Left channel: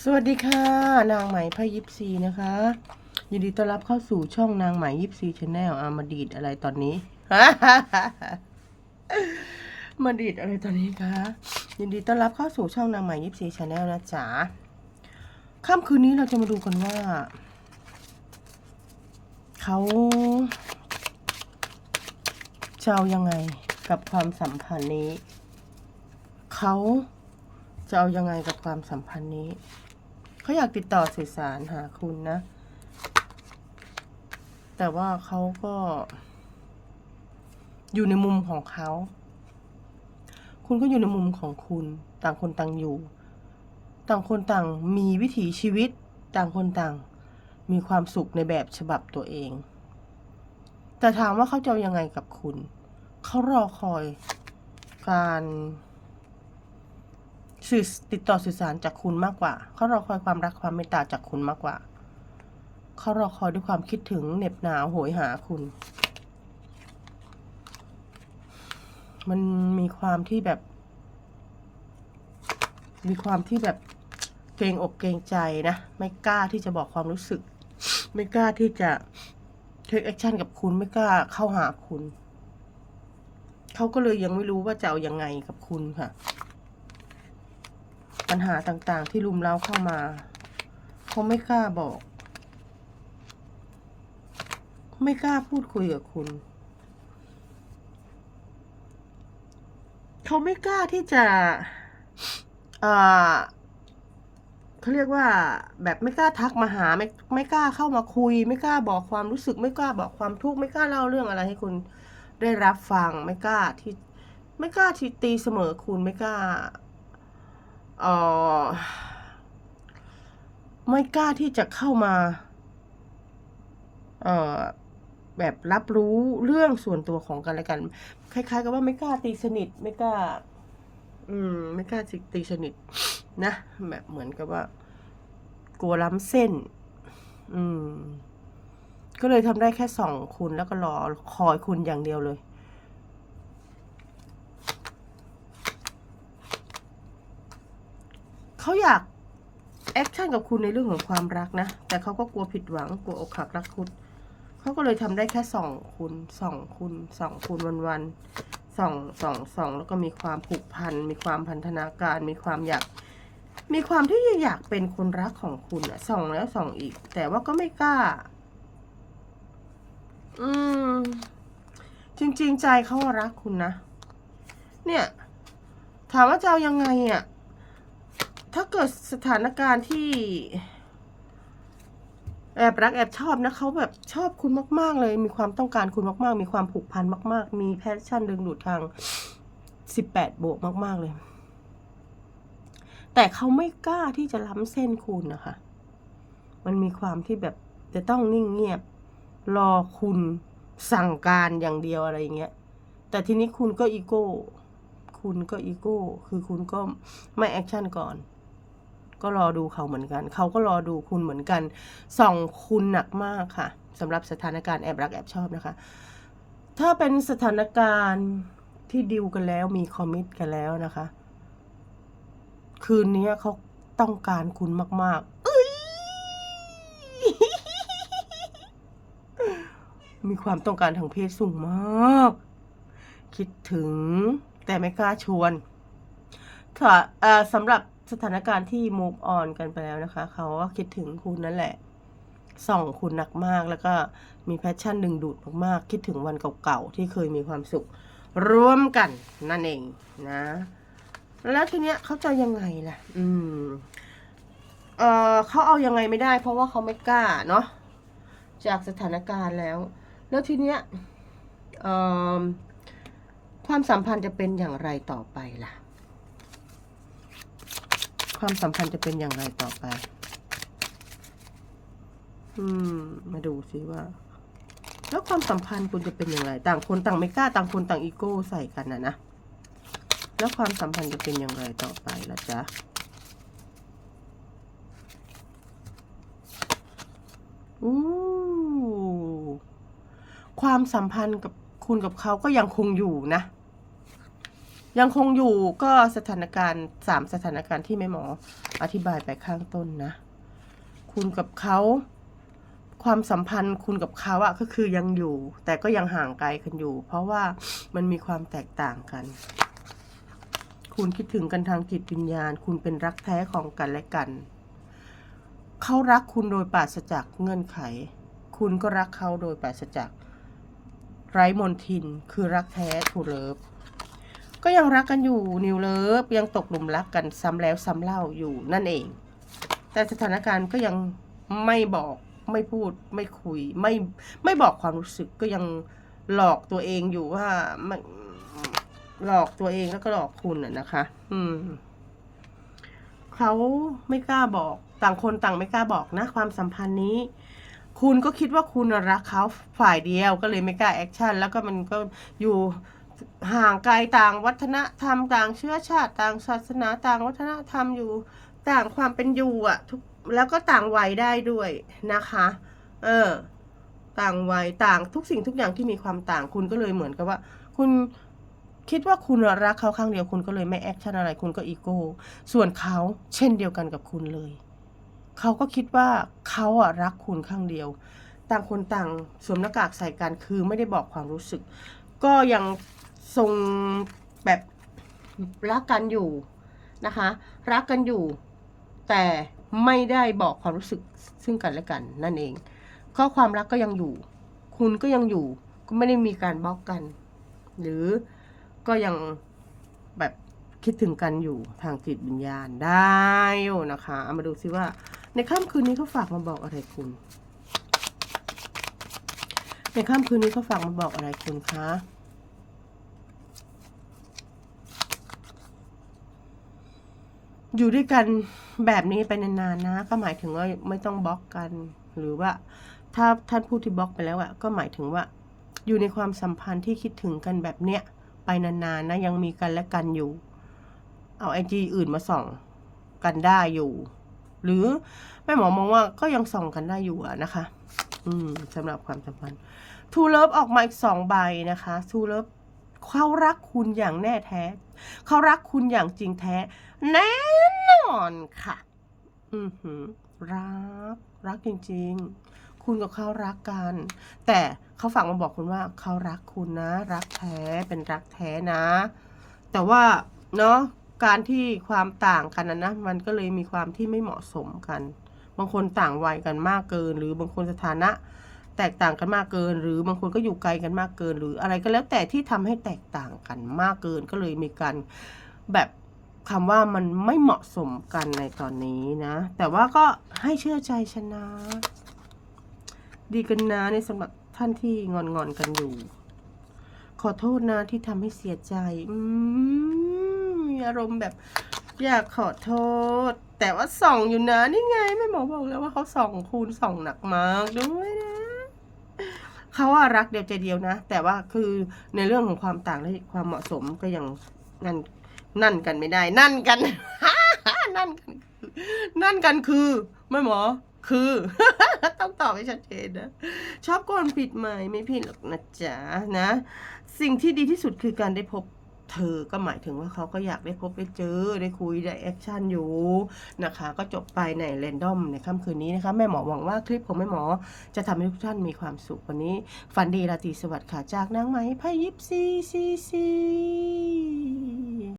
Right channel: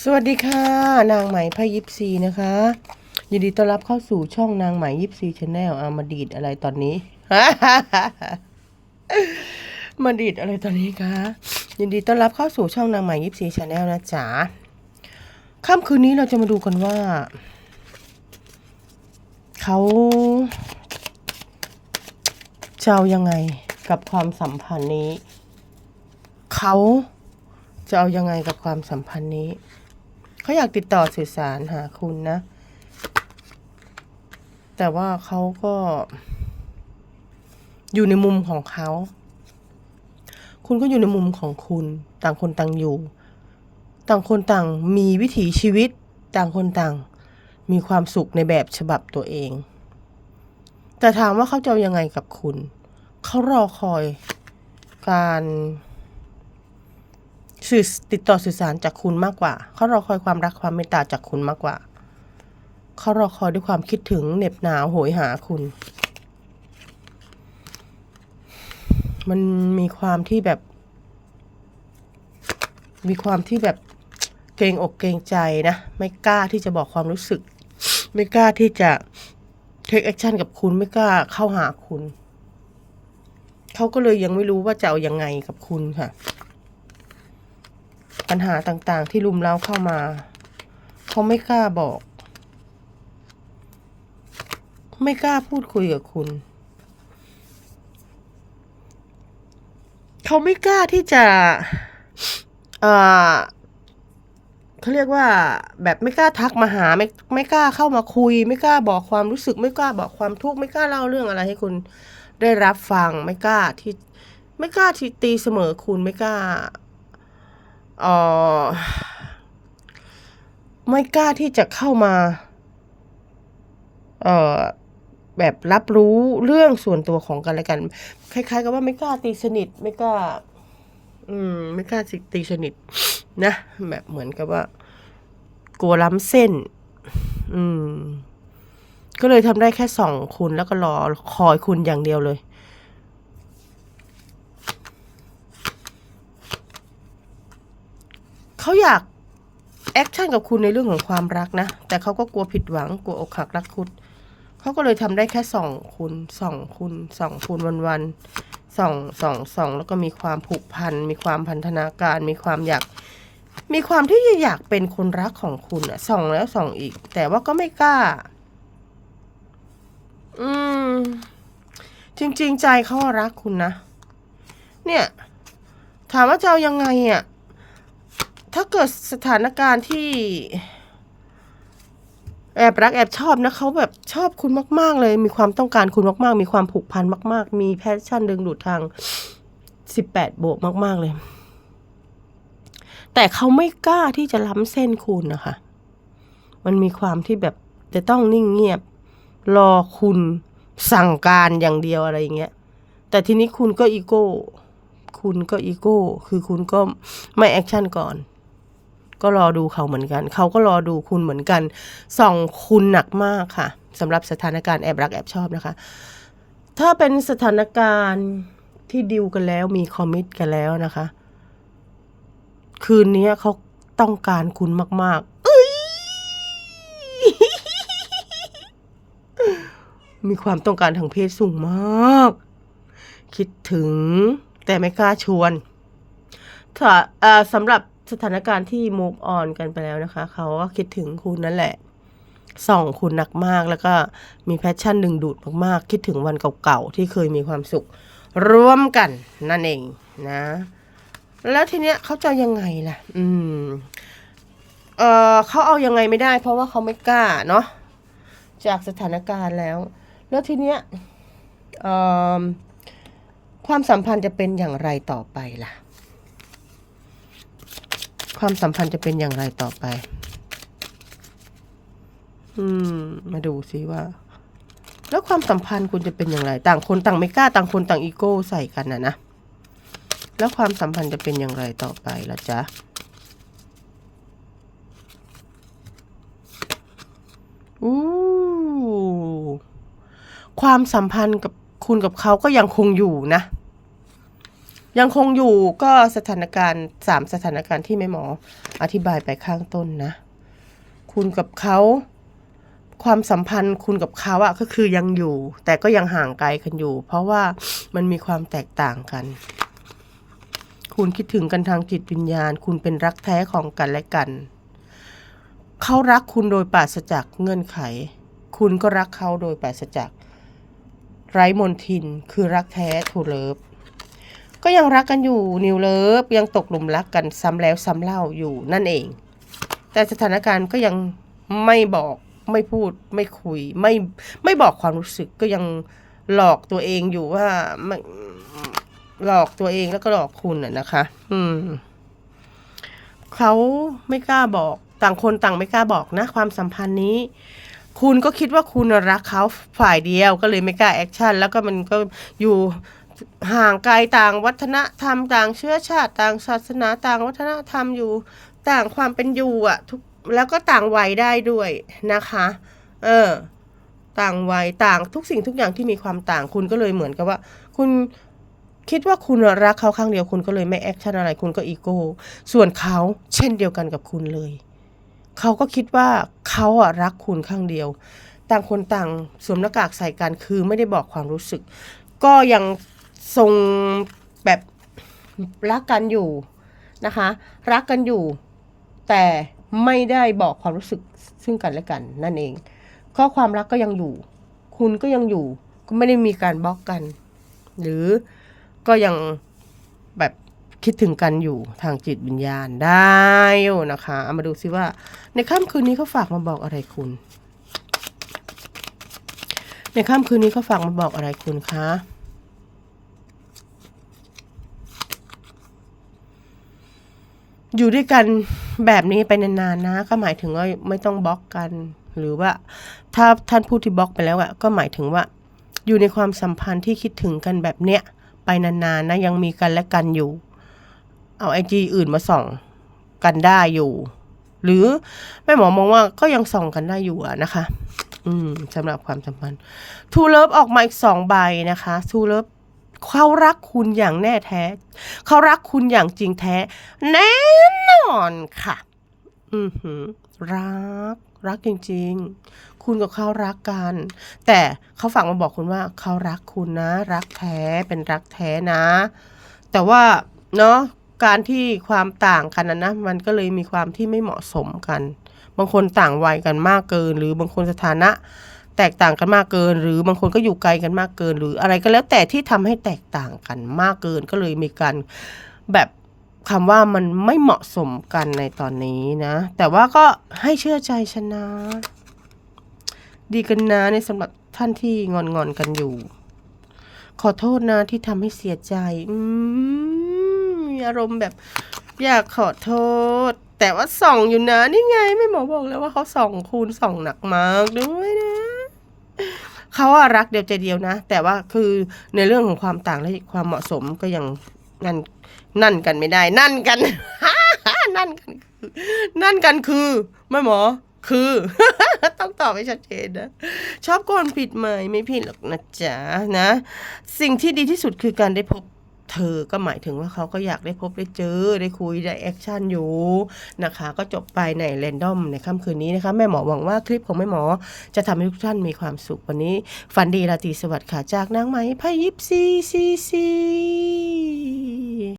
สวัสดีค่ะ นางไหมพยิปซีนะคะยินดีต้อนรับเข้าสู่ช่องนางไหมยิปซีชาแนลอามาดีดอะไรตอนนี้ มาดีดอะไรตอนนี้คะยินดีต้อนรับเข้าสู่ช่องนางไหมยิปซีชาแนลนะจ๊ะค่ำคืนนี้เราจะมาดูกันว่า เขาจะเอายังไงกับความสัมพันธ์นี้ เขาจะเอายังไงกับความสัมพันธ์นี้ เขาอยากติดต่อสื่อสารหาคุณนะ แต่ว่าเขาก็ อยู่ในมุมของเขา คุณก็อยู่ในมุมของคุณ ต่างคนต่างอยู่ ต่างคนต่างมีวิถีชีวิต ต่างคนต่าง มีความสุขในแบบฉบับตัวเอง แต่ถามว่าเขาจะยังไงกับคุณ เขารอคอยการ สื่อติดต่อสื่อสารจากคุณมากกว่า เขารอคอยความรักความเมตตาจากคุณมากกว่า เขารอคอยด้วยความคิดถึงเหน็บหนาวโหยหาคุณ มันมีความที่แบบ มีความที่แบบเกรงอกเกรงใจนะ ไม่กล้าที่จะบอกความรู้สึก ไม่กล้าที่จะ take action กับคุณไม่กล้าเข้าหาคุณ เขาก็เลยยังไม่รู้ว่าจะเอาอยังไงกับคุณค่ะ ปัญหาต่างๆ ที่ลุมเล้าเข้ามา เขาไม่กล้าบอก ไม่กล้าพูดคุยกับคุณ เขาไม่กล้าที่จะ เอ่อเขาเรียกว่า แบบไม่กล้าทักมาหา ไม่ไม่กล้าเข้ามาคุย ไม่กล้าบอกความรู้สึก ไม่กล้าบอกความทุกข์ไม่กล้าเล่าเรื่องอะไรให้คุณได้รับฟัง ไม่กล้าที่ ไม่กล้าที่ตีเสมอคุณไม่กล้า เอ่อไม่กล้าที่จะเข้ามา เอ่อแบบรับรู้เรื่องส่วนตัวของกันและกัน คล้าย ๆ กับว่าไม่กล้าตีสนิท ไม่กล้า อืม ไม่กล้าตีสนิท นะ แบบเหมือนกับว่า กลัวล้ำเส้น อืม ก็เลยทำได้แค่สองคุณแล้วก็รอคอยคุณอย่างเดียวเลย เขาอยากแอคชั่นกับคุณในเรื่องของความรักนะ แต่เขาก็กลัวผิดหวังกลัวอกหักรักคุดเขาก็เลยทำได้แค่ส่องคุณส่องคุณส่องคุณวันวันๆส่องส่องส่องแล้วก็มีความผูกพัน มีความพันธนาการ มีความอยาก มีความที่อยากเป็นคนรักของคุณอะส่องแล้วส่องอีก แต่ว่าก็ไม่กล้า อืม จริง ๆ ใจเขารักคุณนะ เนี่ย ถามว่าจะเอายังไงอะ ถ้าเกิดสถานการณ์ที่ แอบรักแอบชอบนะเขาแบบชอบคุณมาก ๆ เลย มีความต้องการคุณมาก ๆ มีความผูกพันมาก ๆ มีแพชชั่นดึงดูดทางสิบแปดบวกมาก ๆ เลย แต่เขาไม่กล้าที่จะล้ำเส้นคุณนะคะ มันมีความที่แบบจะต้องนิ่งเงียบ รอคุณสั่งการอย่างเดียวอะไรอย่างเงี้ย แต่ทีนี้คุณก็อีโก้ คุณก็อีโก้ คือคุณก็ไม่แอคชั่นก่อน ก็รอดูเขาเหมือนกัน เขาก็รอดูคุณเหมือนกันส่องคุณหนักมากค่ะสำหรับสถานการณ์แอบรักแอบชอบนะคะ ถ้าเป็นสถานการณ์ที่ดิวกันแล้วมีคอมมิตกันแล้วนะคะ คืนนี้เขาต้องการคุณมากๆเอ้ยมีความต้องการทางเพศสูงมาก คิดถึงแต่ไม่กล้าชวนถ้าสำหรับ สถานการณ์ที่ move on กันไปแล้วนะคะ เขาก็คิดถึงคุณนั่นแหละ ส่องคุณหนักมากแล้วก็มีแพชชั่นดึงดูดมากๆ คิดถึงวันเก่าๆ ที่เคยมีความสุข ร่วมกันนั่นเองนะ แล้วทีเนี้ยเขาจะยังไงล่ะ อืม เออเขาเอายังไงไม่ได้ เพราะว่าเขาไม่กล้าเนาะ จากสถานการณ์แล้ว แล้วทีเนี้ยความสัมพันธ์จะเป็นอย่างไรต่อไปล่ะ ความสัมพันธ์จะเป็นอย่างไรต่อไป อืม มาดูซิว่า แล้วความสัมพันธ์คุณจะเป็นอย่างไร ต่างคนต่างไม่กล้าต่างคนต่างอีโก้ใส่กันนะนะ แล้วความสัมพันธ์จะเป็นอย่างไรต่อไปล่ะจ๊ะอู้ความสัมพันธ์กับคุณกับเขาก็ยังคงอยู่นะ ยังคงอยู่ก็สถานการณ์สามสถานการณ์ที่แม่หมออธิบายไปข้างต้นนะ คุณกับเขาความสัมพันธ์คุณกับเขาอะก็คือยังอยู่ แต่ก็ยังห่างไกลกันอยู่ เพราะว่ามันมีความแตกต่างกัน คุณคิดถึงกันทางจิตวิญญาณ คุณเป็นรักแท้ของกันและกัน เขารักคุณโดยปราศจากเงื่อนไข คุณก็รักเขาโดยปราศจากไร้มนทินคือรักแท้ทูเลิฟ ก็ยังรักกันอยู่นิวเลิฟยังตกหลุมรักกันซ้ำแล้วซ้ำเล่าอยู่นั่นเอง แต่สถานการณ์ก็ยังไม่บอกไม่พูดไม่คุยไม่ไม่บอกความรู้สึกก็ยังหลอกตัวเองอยู่ว่าหลอกตัวเองแล้วก็หลอกคุณน่ะนะคะ อืมเขาไม่กล้าบอกต่างคนต่างไม่กล้าบอกนะ ความสัมพันธ์นี้ คุณก็คิดว่าคุณรักเขาฝ่ายเดียวก็เลยไม่กล้าแอคชั่นแล้วก็มันก็อยู่ ห่างไกลต่างวัฒนธรรม ต่างเชื้อชาติต่างศาสนาต่างวัฒนธรรมอยู่ต่างความเป็นอยู่อะทุกแล้วก็ต่างวัยได้ด้วยนะคะ เออ ต่างวัยต่างทุกสิ่งทุกอย่างที่มีความต่างคุณก็เลยเหมือนกับว่า คุณคิดว่าคุณรักเขาครั้งเดียวคุณก็เลยไม่แอคชั่นอะไรคุณก็อีโก้ส่วนเขาเช่นเดียวกันกับคุณเลย เขาก็คิดว่าเขาอะรักคุณข้างเดียว ต่างคนต่างสวมหน้ากากใส่กันคือไม่ได้บอกความรู้สึก ก็ยัง ทรงแบบรักกันอยู่นะคะ รักกันอยู่ แต่ไม่ได้บอกความรู้สึกซึ่งกันและกันนั่นเองข้อความรักก็ยังอยู่ คุณก็ยังอยู่ ก็ไม่ได้มีการบล็อกกัน หรือก็ยังแบบคิดถึงกันอยู่ทางจิตวิญญาณได้นะคะเอามาดูซิว่า ในค่ำคืนนี้เขาฝากมาบอกอะไรคุณ ในค่ำคืนนี้เขาฝากมาบอกอะไรคุณคะ อยู่ด้วยกันแบบนี้ไปนานๆนะ ก็หมายถึงว่าไม่ต้องบล็อกกัน หรือว่าถ้าท่านพูดที่บล็อกไปแล้วอะก็หมายถึงว่า อยู่ในความสัมพันธ์ที่คิดถึงกันแบบเนี้ยไปนานๆนะยังมีกันและกันอยู่ เอาไอจีอื่นมาส่องกันได้อยู่ หรือแม่หมอมองว่าก็ยังส่องกันได้อยู่อะนะคะ อืมสำหรับความสัมพันธ์ทูเลิฟออกมาอีกสองใบนะคะทูเลิฟ เขารักคุณอย่างแน่แท้ เขารักคุณอย่างจริงแท้ แน่นอนค่ะ อือหือรัก รักจริง ๆ คุณกับเขารักกัน แต่เขาฝากมาบอกคุณว่าเขารักคุณนะ รักแท้เป็นรักแท้นะ แต่ว่าเนาะการที่ความต่างกันนะนะมันก็เลยมีความที่ไม่เหมาะสมกัน บางคนต่างวัยกันมากเกิน หรือบางคนสถานะ แตกต่างกันมากเกิน หรือบางคนก็อยู่ไกลกันมากเกิน หรืออะไรก็แล้วแต่ที่ทำให้แตกต่างกันมากเกินก็เลยมีการแบบคำว่ามันไม่เหมาะสมกันในตอนนี้นะ แต่ว่าก็ให้เชื่อใจชนะ ดีกันนะในสำหรับท่านที่งอนงอนๆกันอยู่ ขอโทษนะที่ทำให้เสียใจอืมมีอารมณ์แบบอยากขอโทษ แต่ว่าส่องอยู่นะนี่ไงแม่หมอบอกแล้วว่าเขาส่องคูณส่องหนักมากด้วยนะ เขาว่ารักเดียวใจเดียวนะ แต่ว่าคือในเรื่องของความต่างและความเหมาะสมก็ยังนั่นนั่นกันไม่ได้ นั่นกัน นั่นกันคือนั่นกันคือแม่หมอคือต้องตอบให้ชัดเจนนะชอบก่อนผิดไหมไม่ผิดหรอกนะจ๊ะนะ สิ่งที่ดีที่สุดคือการได้พบ เธอก็หมายถึงว่าเขาก็อยากได้พบได้เจอได้คุยได้แอคชั่นอยู่นะคะ ก็จบไปในเรนดอมในค่ำคืนนี้นะคะแม่หมอหวังว่าคลิปของแม่หมอ จะทำให้ทุกท่านมีความสุขวันนี้ฝันดีราตรีสวัสดิ์ค่ะจากนางไหมพยิปซีซีซี